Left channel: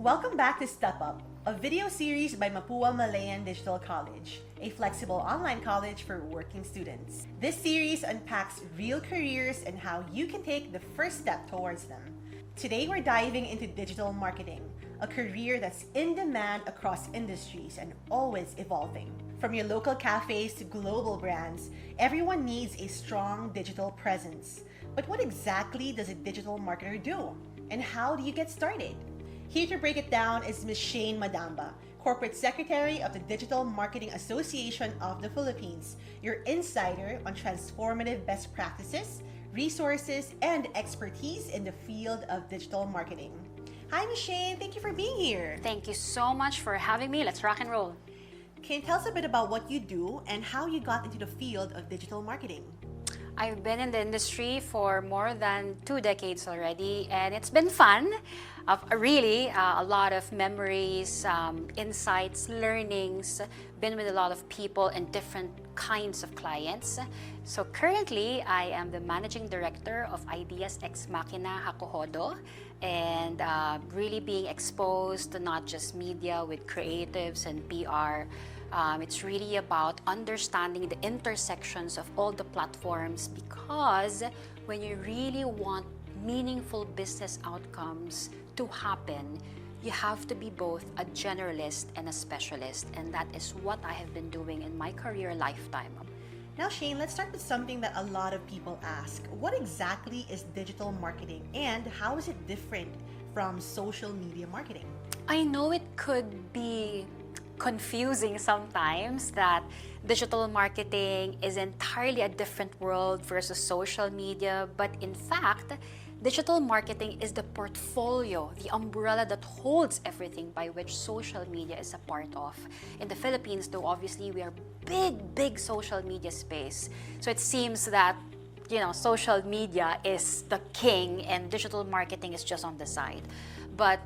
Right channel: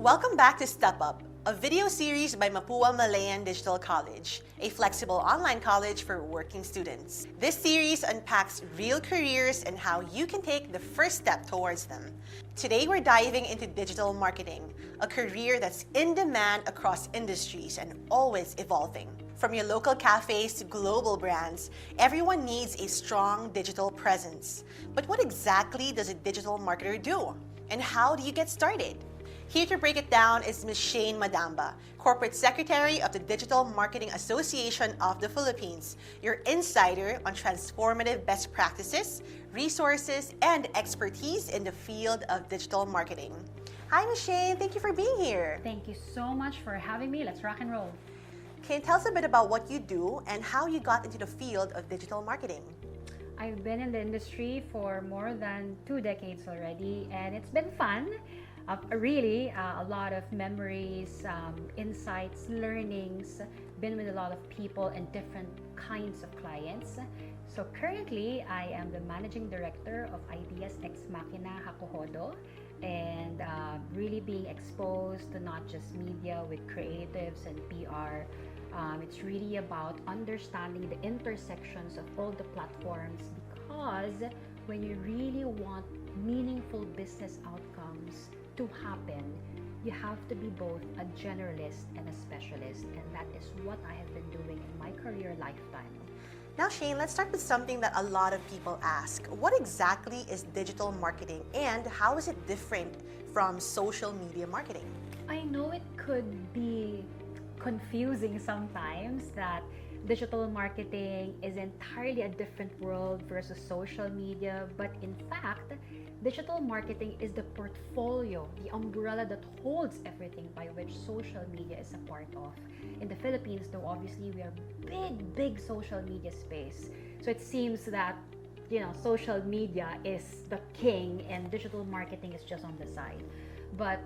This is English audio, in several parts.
Welcome back to Step Up, a video series by Mapua Malayan Digital College, a flexible online college for working students. This series unpacks real careers and how you can take the first step towards them. Today we're diving into digital marketing, a career that's in demand across industries and always evolving. From your local cafes to global brands, everyone needs a strong digital presence. But what exactly does a digital marketer do? And how do you get started? Here to break it down is Ms. Shayne Madamba, Corporate Secretary of the Digital Marketing Association of the Philippines, your insider on transformative best practices, resources, and expertise in the field of digital marketing. Hi, Ms. Shayne. Thank you for being here. Thank you so much for having me. Let's rock and roll. Can you tell us a bit about what you do and how you got into the field of digital marketing? I've been in the industry for more than 2 decades already, and it's been fun. A lot of memories, insights, learnings, been with a lot of people and different kinds of clients. So currently, I am the Managing Director of Ideas Ex Machina Hakuhodo, and really being exposed to not just media with creatives and PR. It's really about understanding the intersections of all the platforms, because when you really want meaningful business outcomes to happen, you have to be both a generalist and a specialist, and that is what I have been doing in my career lifetime. Now, Shayne, let's start with something that a lot of people ask. What exactly is digital marketing and how is it different from social media marketing? I know it could be confusing sometimes that digital marketing is entirely a different world versus social media, but in fact, digital marketing is the portfolio, the umbrella that holds everything by which social media is a part of. In the Philippines, though, obviously we are big social media space. So it seems that, social media is the king and digital marketing is just on the side. But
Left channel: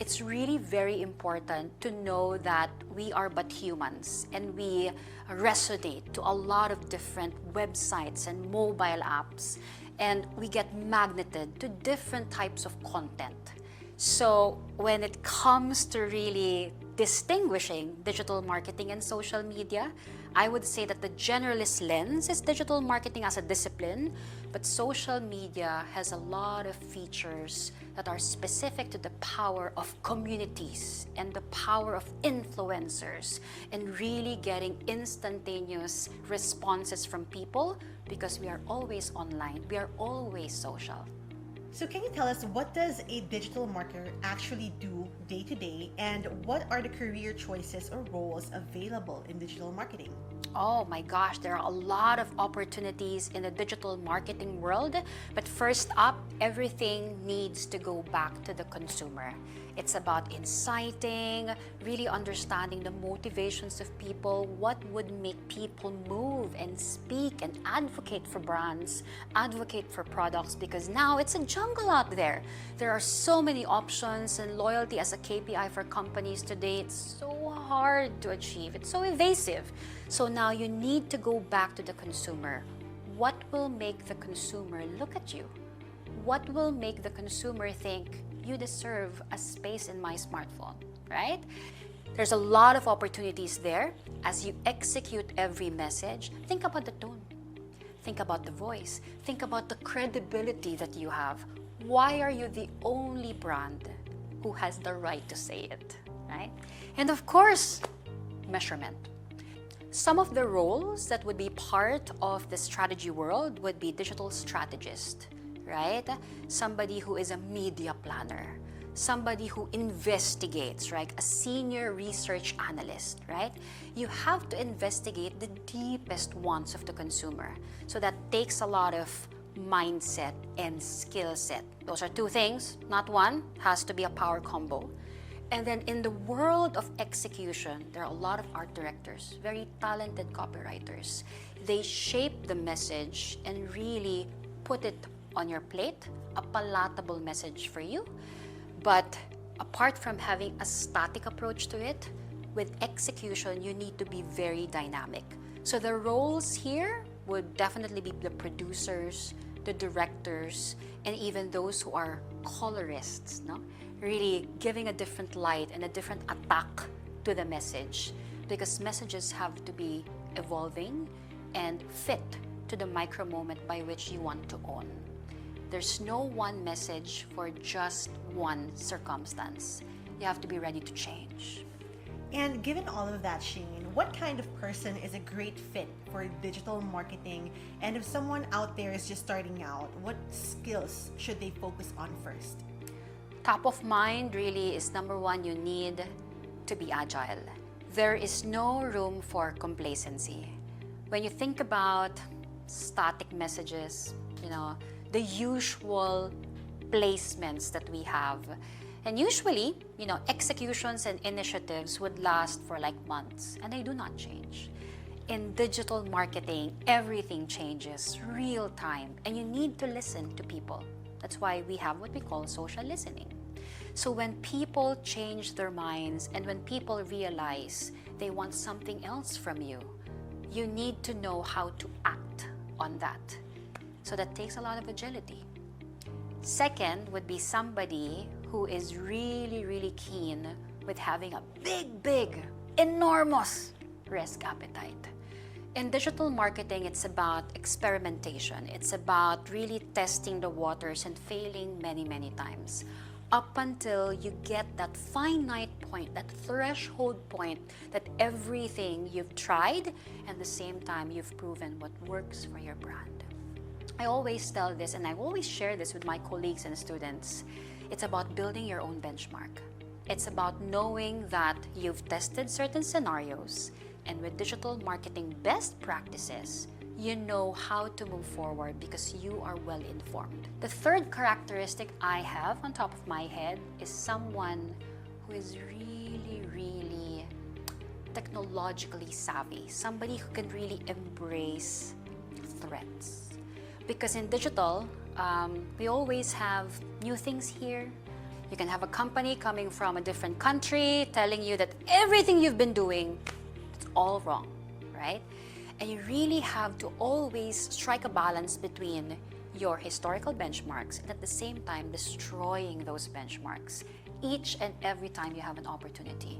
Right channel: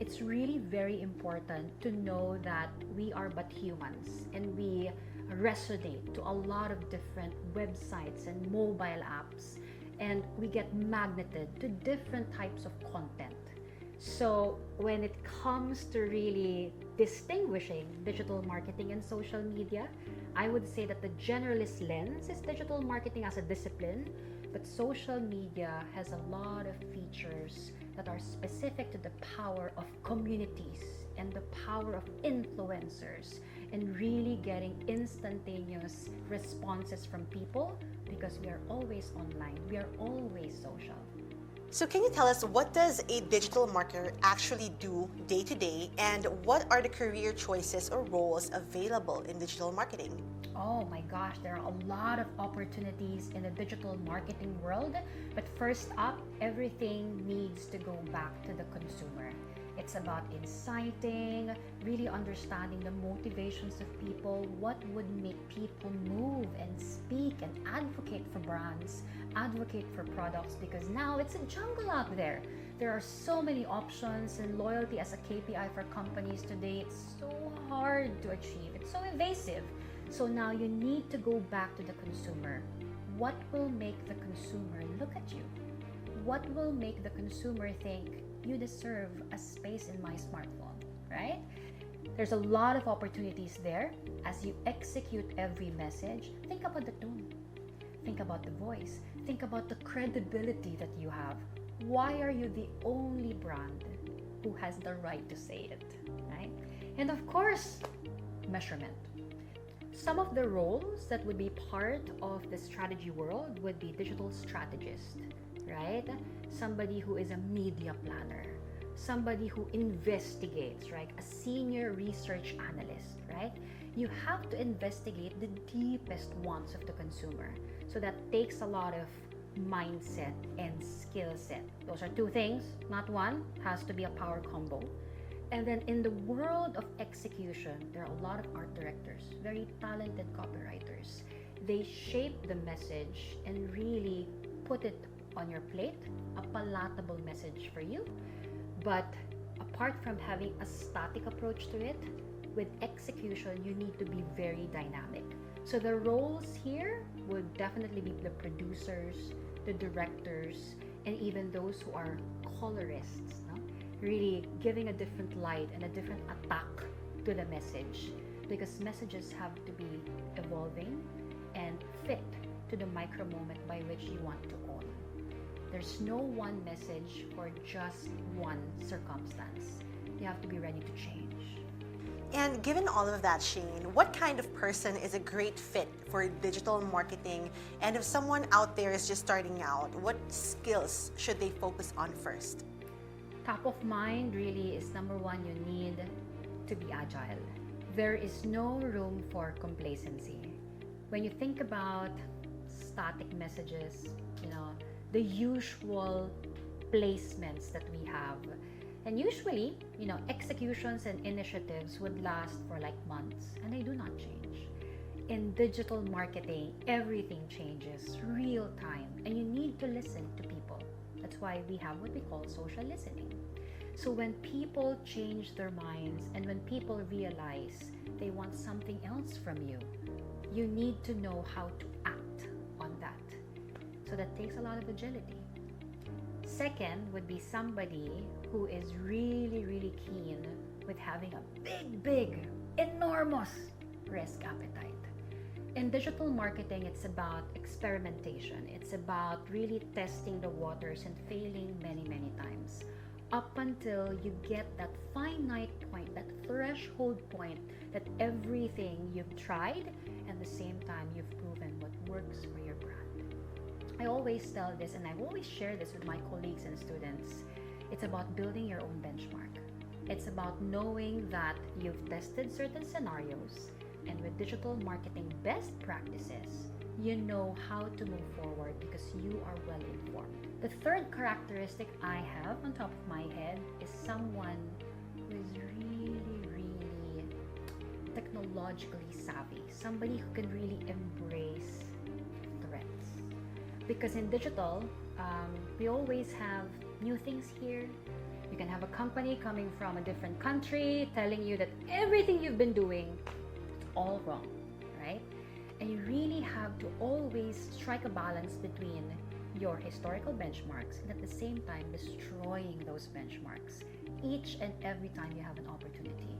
it's really very important to know that we are but humans and we resonate to a lot of different websites and mobile apps, and we get magneted to different types of content. So when it comes to really distinguishing digital marketing and social media, I would say that the generalist lens is digital marketing as a discipline, but social media has a lot of features that are specific to the power of communities and the power of influencers and really getting instantaneous responses from people, because we are always online, we are always social. So can you tell us, what does a digital marketer actually do day to day, and what are the career choices or roles available in digital marketing? Oh my gosh, there are a lot of opportunities in the digital marketing world, but first up, everything needs to go back to the consumer. It's about inciting, really understanding the motivations of people, what would make people move and speak and advocate for brands, advocate for products, because now it's a jungle out there. There are so many options, and loyalty as a KPI for companies today, it's so hard to achieve. It's so evasive. So now you need to go back to the consumer. What will make the consumer look at you? What will make the consumer think you deserve a space in my smartphone, right? There's a lot of opportunities there. As you execute every message, think about the tone. Think about the voice. Think about the credibility that you have. Why are you the only brand who has the right to say it, right? And of course, measurement. Some of the roles that would be part of the strategy world would be digital strategist, right? Somebody who is a media planner, somebody who investigates, right? A senior research analyst, right? You have to investigate the deepest wants of the consumer. So that takes a lot of mindset and skill set. Those are 2 things, not one. Has to be a power combo. And then in the world of execution, there are a lot of art directors, very talented copywriters. They shape the message and really put it on your plate, a palatable message for you. But apart from having a static approach to it, with execution, you need to be very dynamic. So the roles here would definitely be the producers, the directors, and even those who are colorists, no? really giving a different light and a different attack to the message, because messages have to be evolving and fit to the micro moment by which you want to own. There's no one message for just one circumstance. You have to be ready to change. And given all of that, Shayne, what kind of person is a great fit for digital marketing? And if someone out there is just starting out, what skills should they focus on first? Top of mind really is number one, you need to be agile. There is no room for complacency. When you think about static messages, the usual placements that we have, and usually, executions and initiatives would last for like months, and they do not change. In digital marketing, everything changes real time, and you need to listen to people. That's why we have what we call social listening. So when people change their minds and when people realize they want something else from you, you need to know how to act on that. So that takes a lot of agility. Second would be somebody who is really, really keen with having a big, enormous risk appetite. In digital marketing, it's about experimentation. It's about really testing the waters and failing many, many times, up until you get that finite point, that threshold point, that everything you've tried and at the same time you've proven what works for your brand. I always tell this, and I always share this with my colleagues and students. It's about building your own benchmark. It's about knowing that you've tested certain scenarios, and with digital marketing best practices, you know how to move forward because you are well informed. The third characteristic I have on top of my head is someone who is really technologically savvy, somebody who can really embrace threats. Because in digital, we always have new things here. You can have a company coming from a different country telling you that everything you've been doing is all wrong, right? And you really have to always strike a balance between your historical benchmarks and at the same time destroying those benchmarks each and every time you have an opportunity.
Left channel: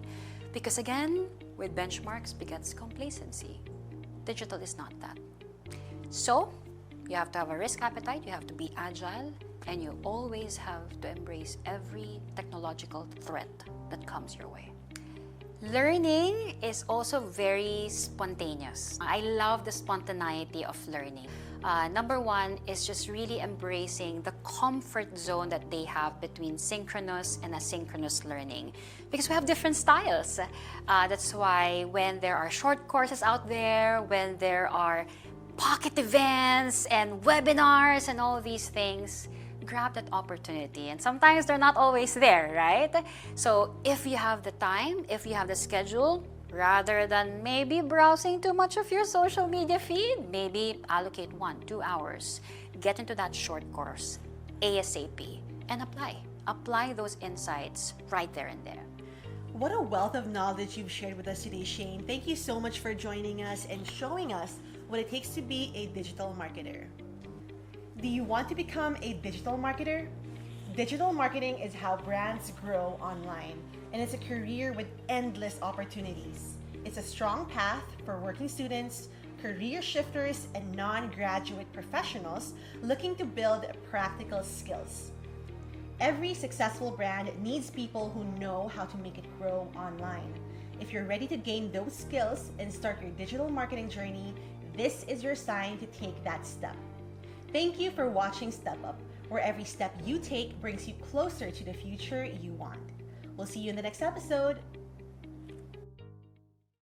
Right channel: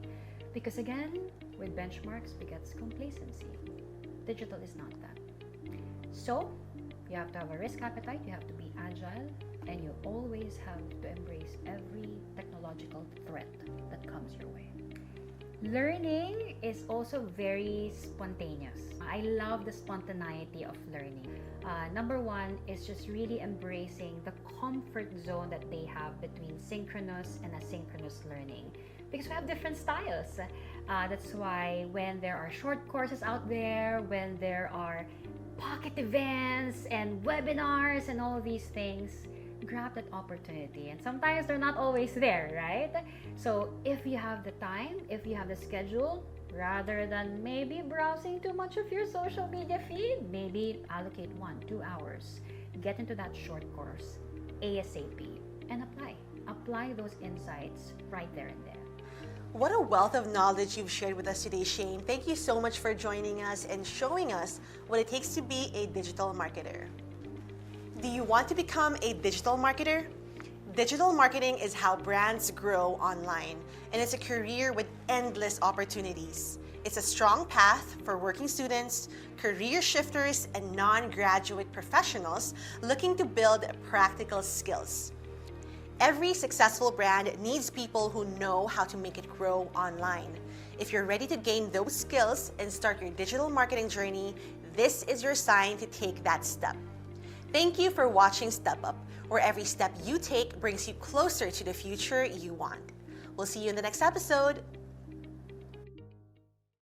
Because again, with benchmarks begets complacency. Digital is not that. So, you have to have a risk appetite, you have to be agile, and you always have to embrace every technological threat that comes your way. Learning is also very spontaneous. I love the spontaneity of learning. Number one is just really embracing the comfort zone that they have between synchronous and asynchronous learning, because we have different styles. That's why when there are short courses out there, when there are pocket events and webinars and all these things, grab that opportunity. And sometimes they're not always there, right? So if you have the time, if you have the schedule, rather than maybe browsing too much of your social media feed, maybe allocate 1-2 hours, get into that short course ASAP and apply those insights right there and there. What a wealth of knowledge you've shared with us today, Shayne. Thank you so much for joining us and showing us what it takes to be a digital marketer. Do you want to become a digital marketer? Digital marketing is how brands grow online, and it's a career with endless opportunities. It's a strong path for working students, career shifters, and non-graduate professionals looking to build practical skills. Every successful brand needs people who know how to make it grow online. If you're ready to gain those skills and start your digital marketing journey, this is your sign to take that step. Thank you for watching Step Up, where every step you take brings you closer to the future you want. We'll see you in the next episode.